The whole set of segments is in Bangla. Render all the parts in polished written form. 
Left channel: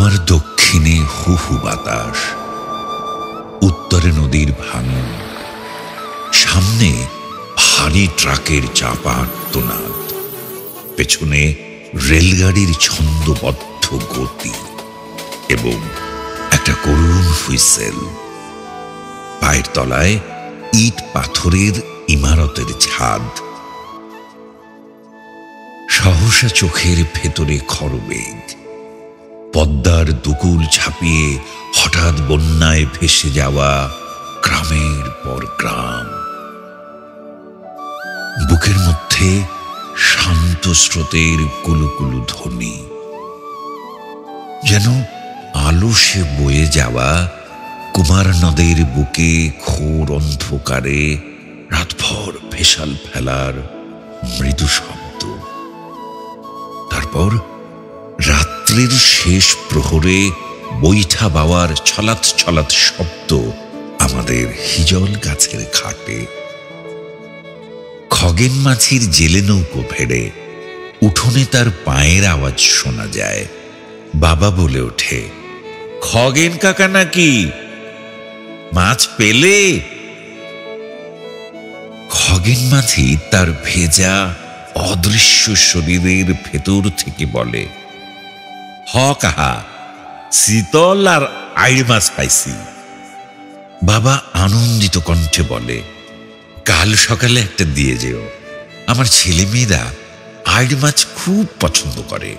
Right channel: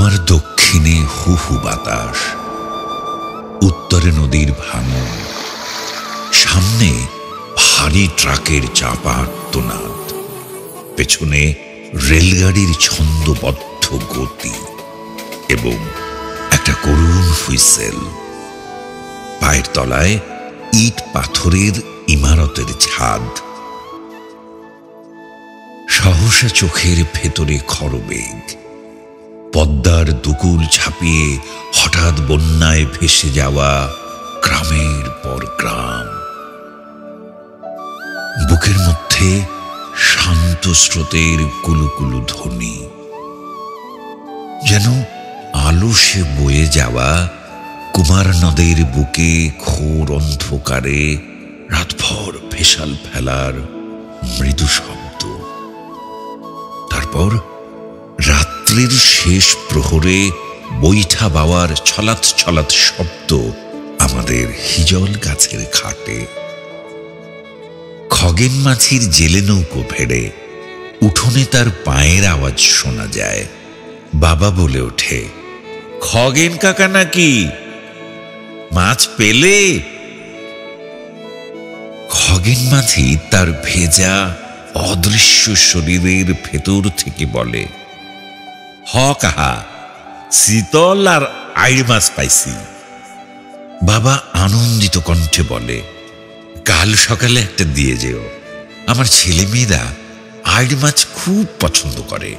আমার দক্ষিণে হু হু বাতাস, উত্তরে নদীর ভাঙন, সামনে ভারী ট্রাকের চাপা আর্তনাদ, পেছনে রেলগাড়ির ছন্দবদ্ধ গতি এবং একটা করুণ হুইসেল। পায়ের তলায় ইট পাথরের ইমারতের ছাদ। সহসা চোখের ভেতরে খরবেগ, পদ্মার দুকুল ছাপিয়ে হঠাৎ বন্যায় ভেসে যাওয়া গ্রামের পর গ্রাম। বুকের মধ্যে শান্ত স্রোতের কুলুকুলু ধ্বনি, যেন আলসে বয়ে যাওয়া কুমার নদের বুকে ঘোর অন্ধকারে রাতভর ভেসাল ফেলার মৃদু শব্দ। তারপর রাত্রির শেষ প্রহরে বৈঠা বাওয়ার ছলাৎ ছলাৎ শব্দ আমাদের হিজল গাছের ঘাটে। খগেন মাছির জেলে নৌকো ভেড়ে উঠোনে তার পায়ের আওয়াজ শোনা যায়। বাবা বলে ওঠে, খগেন কাকা নাকি, মাছ পেলে? খগেন মাঝি তার ভেজা অদৃশ্য শরীরের ভেতর থেকে বলে, হ কাহা, শীতল আর আইড় মাছ পাইছি। বাবা আনন্দিত কণ্ঠে বলে, কাল সকালে একটা দিয়ে যেও, আমার ছেলে মেয়েরা আইড় মাছ খুব পছন্দ করে।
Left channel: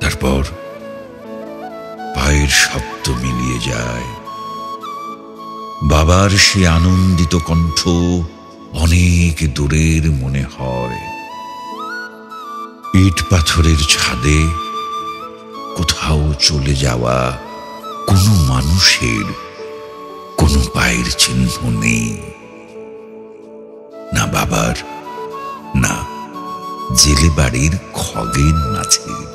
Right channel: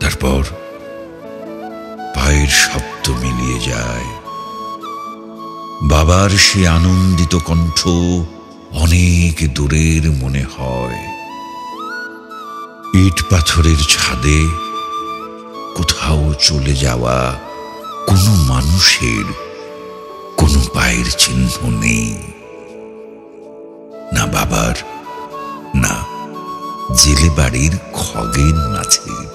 তারপর পায়ের শব্দ মিলিয়ে যায়। বাবার সে আনন্দিত কণ্ঠ অনেক দূরের মনে হয়। ইট পাথরের ছাদে কোথাও চলে যাওয়া কোনো মানুষের কোনো পায়ের চিহ্ন নেই, না বাবার, না জেলে বাড়ির খগেন মাছের।